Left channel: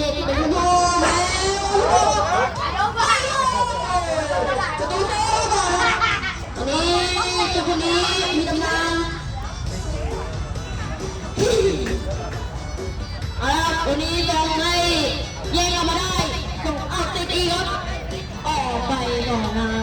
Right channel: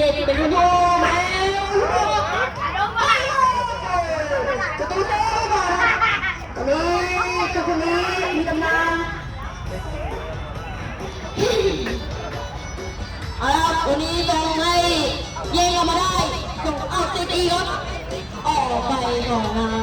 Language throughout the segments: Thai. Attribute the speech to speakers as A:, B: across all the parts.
A: วันนี้จลองให้เย่งออมาได้ส่งอัพติดอีครับ ออกไปก่อนนะ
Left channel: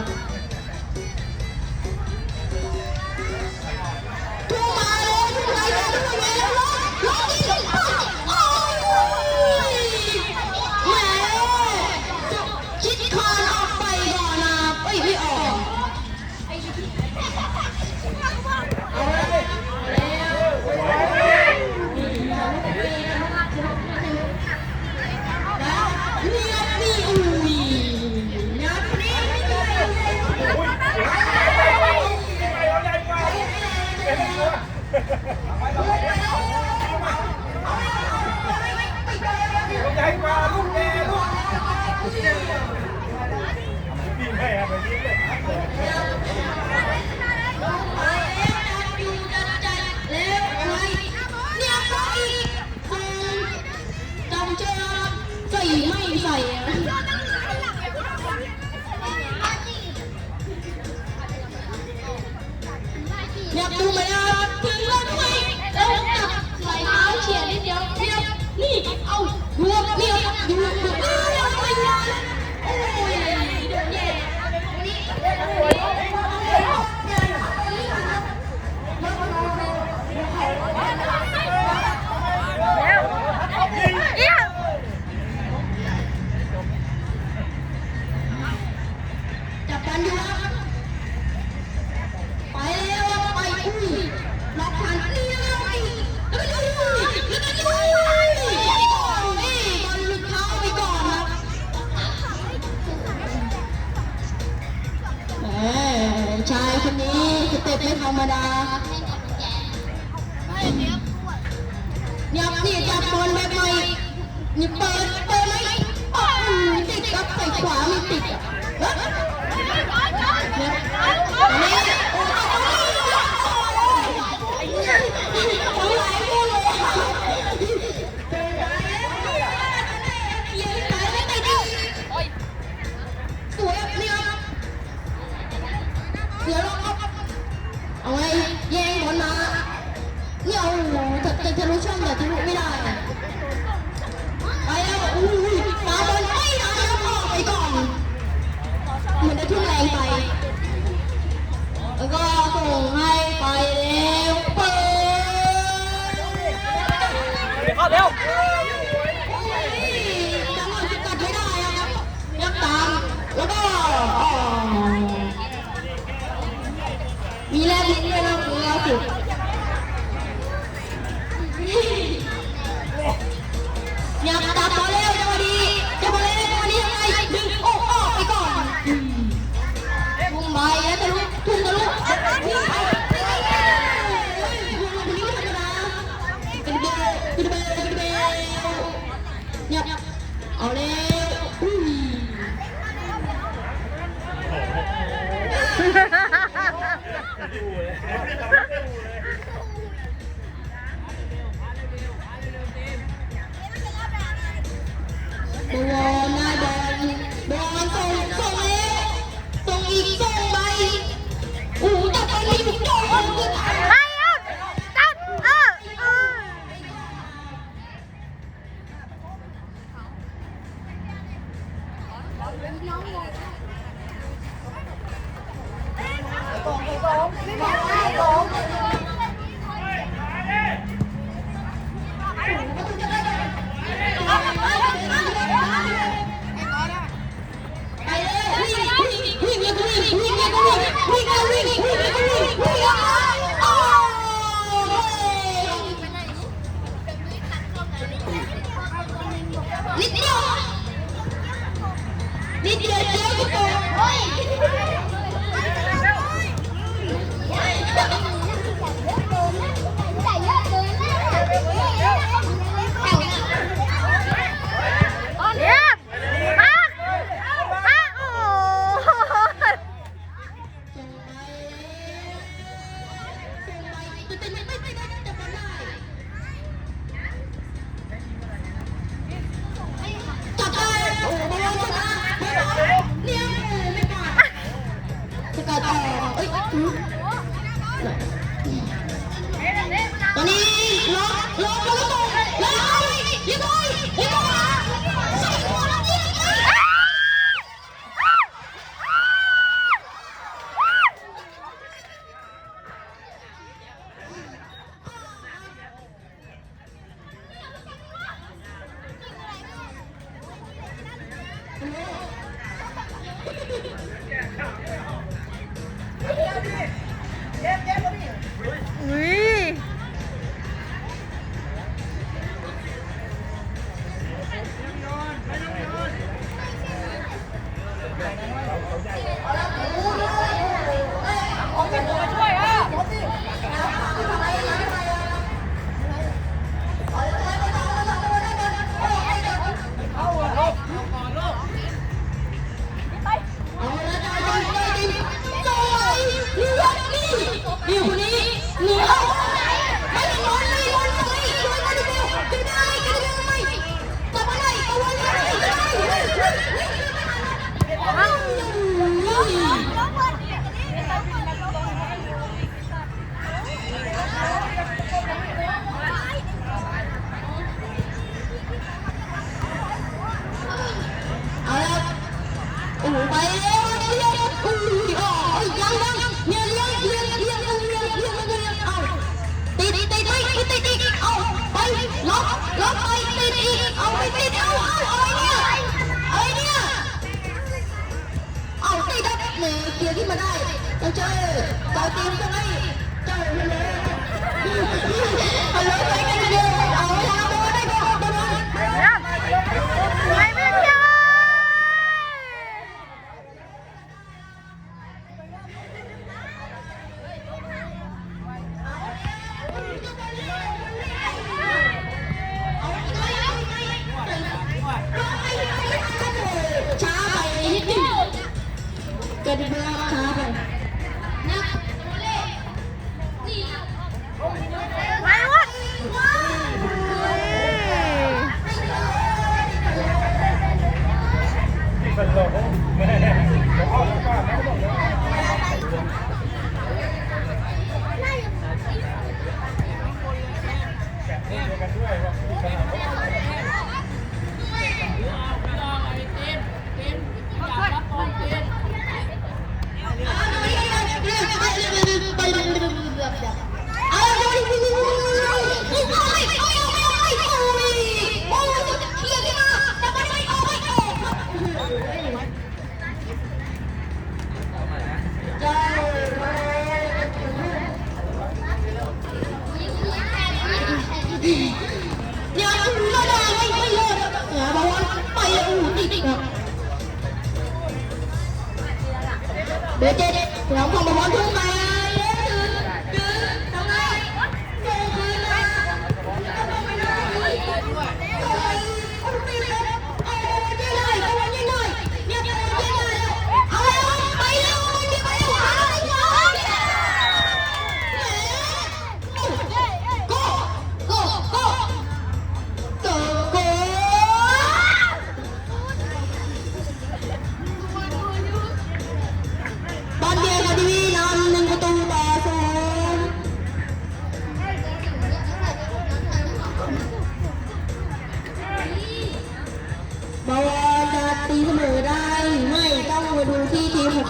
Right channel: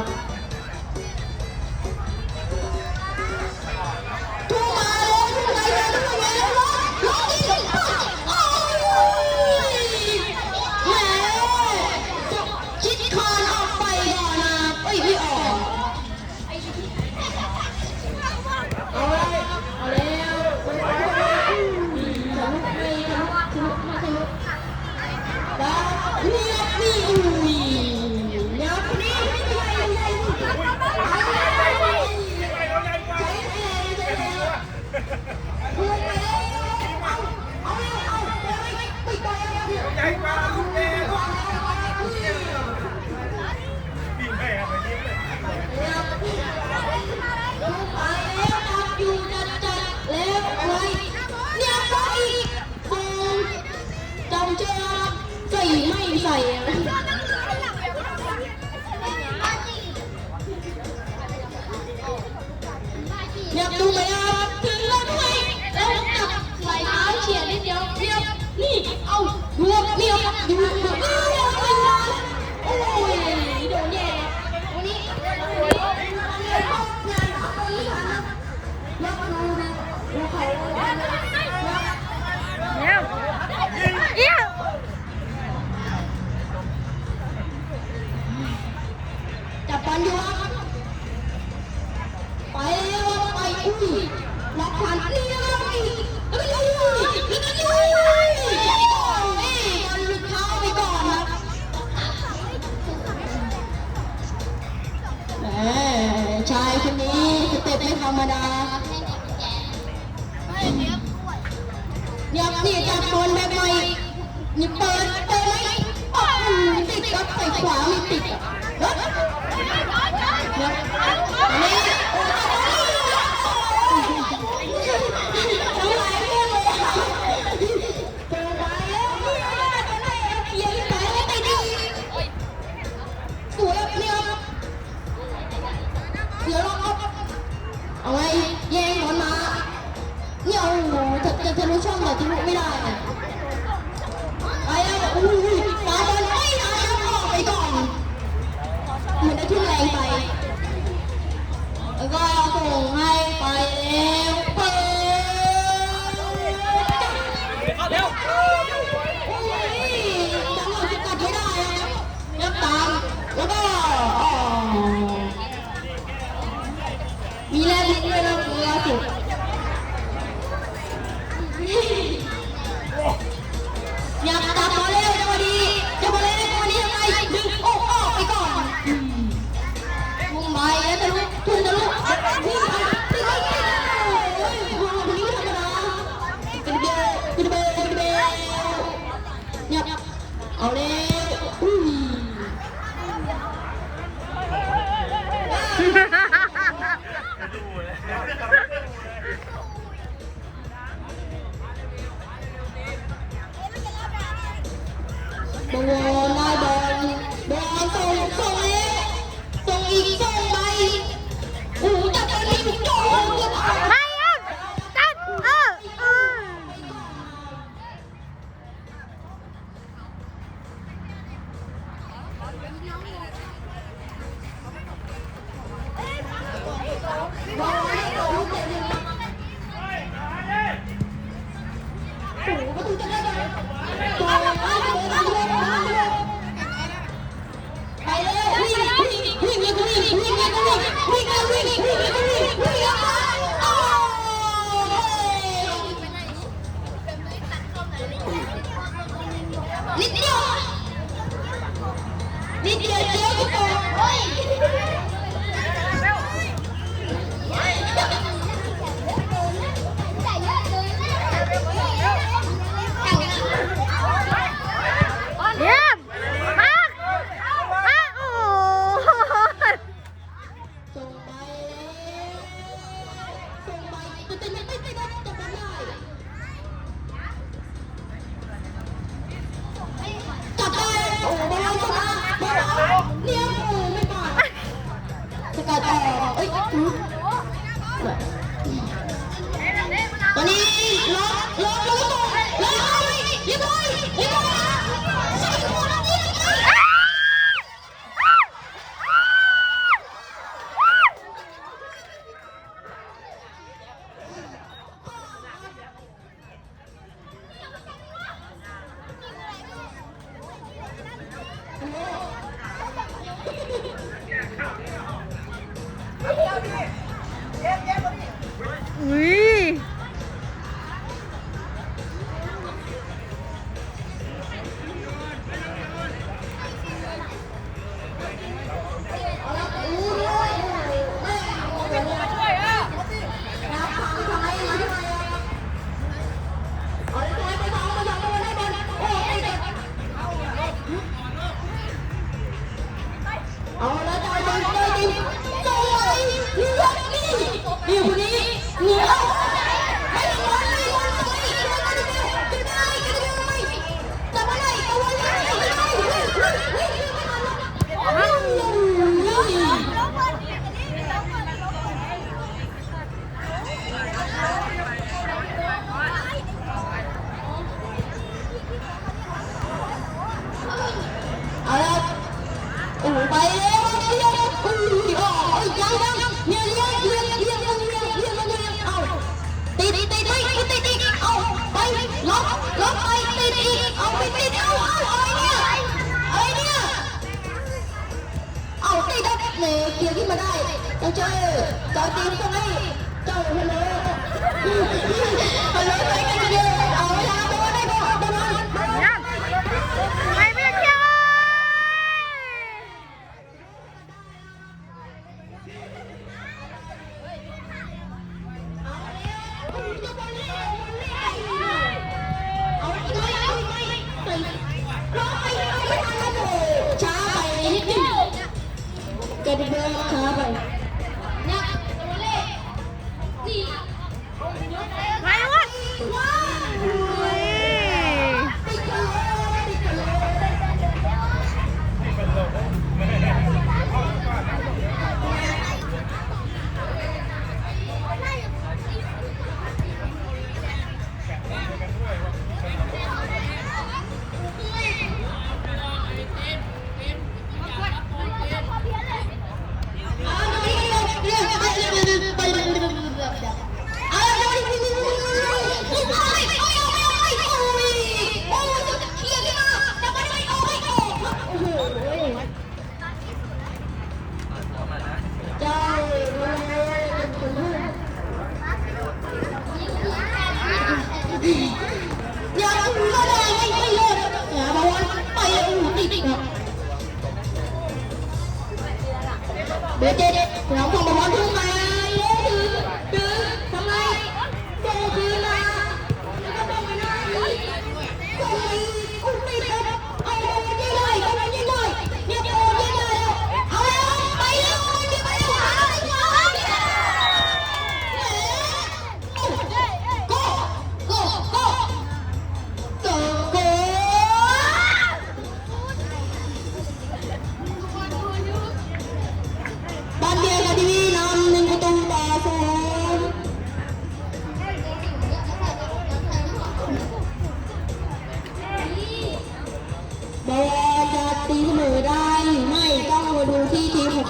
A: ยากที่จะโดนแบบใหม่นี่เปิดเปิดไหมปอกติดกับใส่ขวาไม่ติดเฮ้ย Mua. Yeah. เจ้าชื่อเจ้าจีนตรงนี้เจ้าฮัลโหลฮัลโหลไปกันเดียว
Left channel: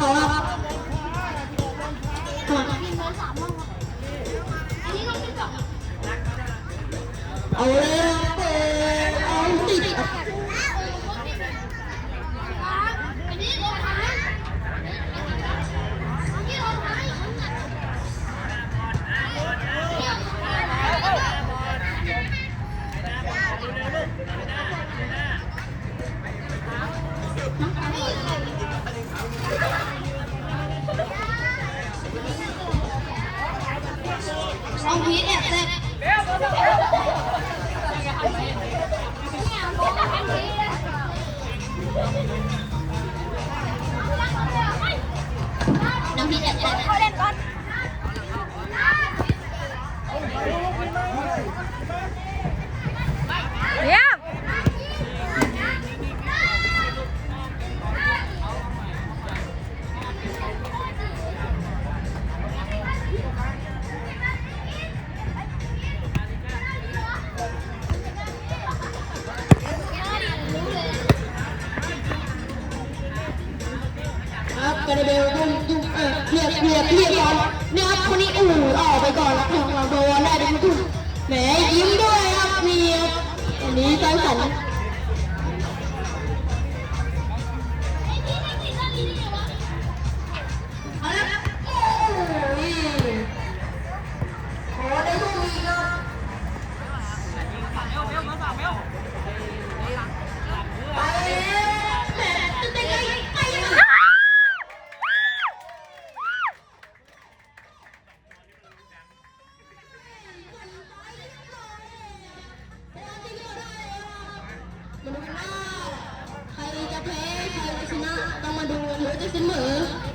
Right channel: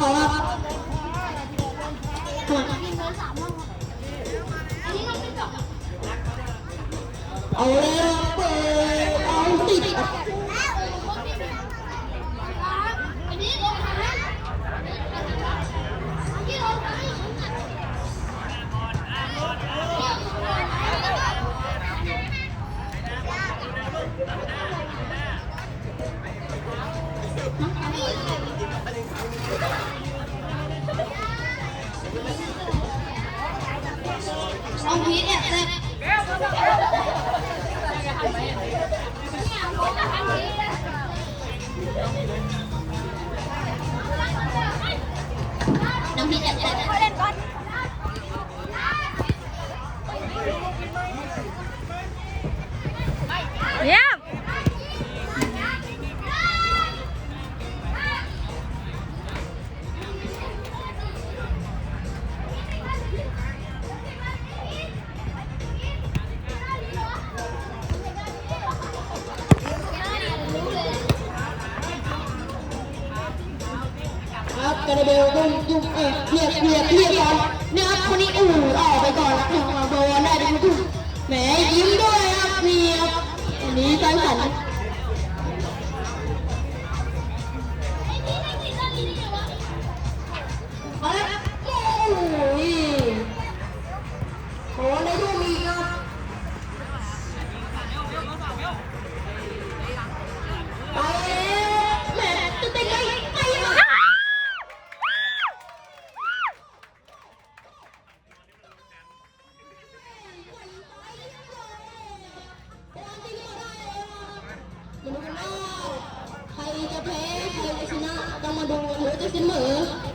A: খারাপ หัน
B: kamar dulu, itu semua.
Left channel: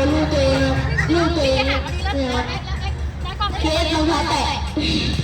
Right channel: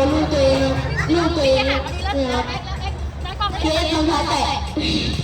B: 学业从南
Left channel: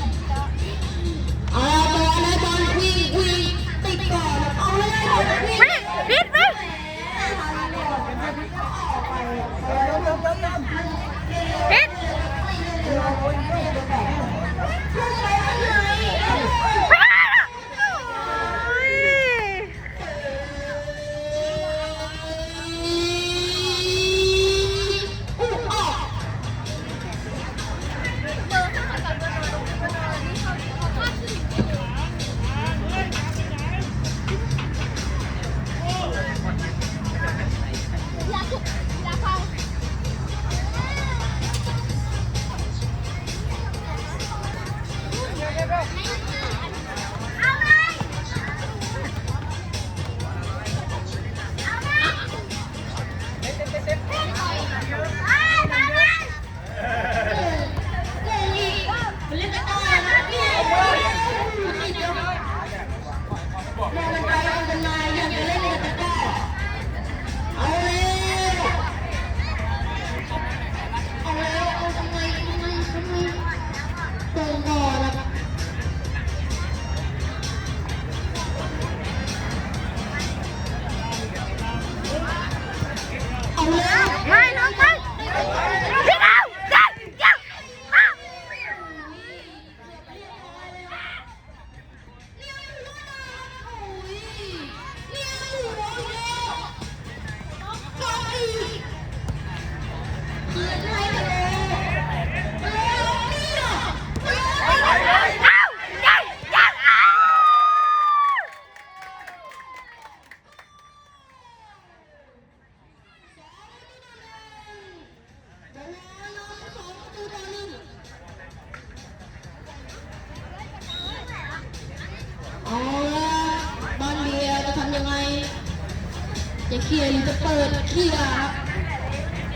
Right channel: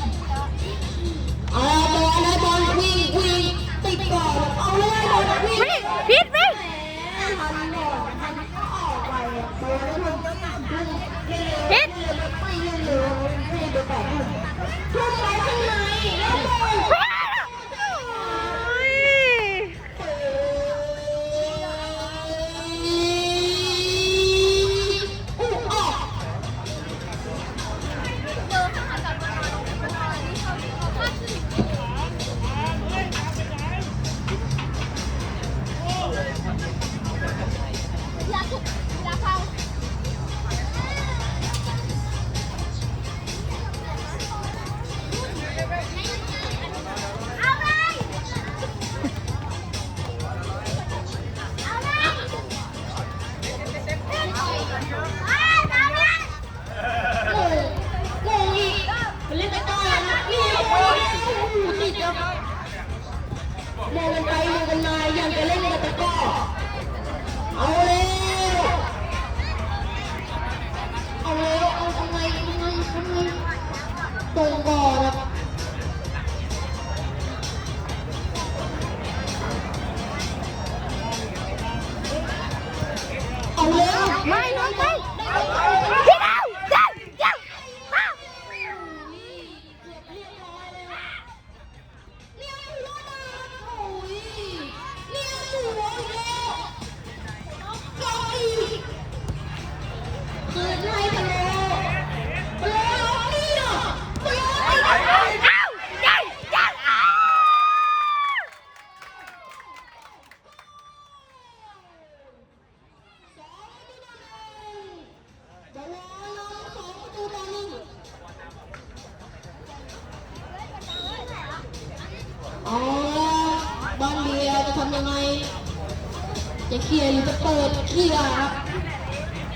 B: เคลียร์หรือจะเปิดเคลี
A: ยร์ครับ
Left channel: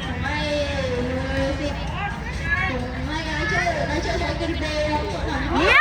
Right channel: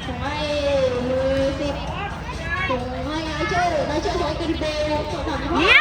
A: ผมให้มือสิบผมให้ไอเจ้ร์ไอ
C: เจ้
A: ร์ใช้กุญแจครับ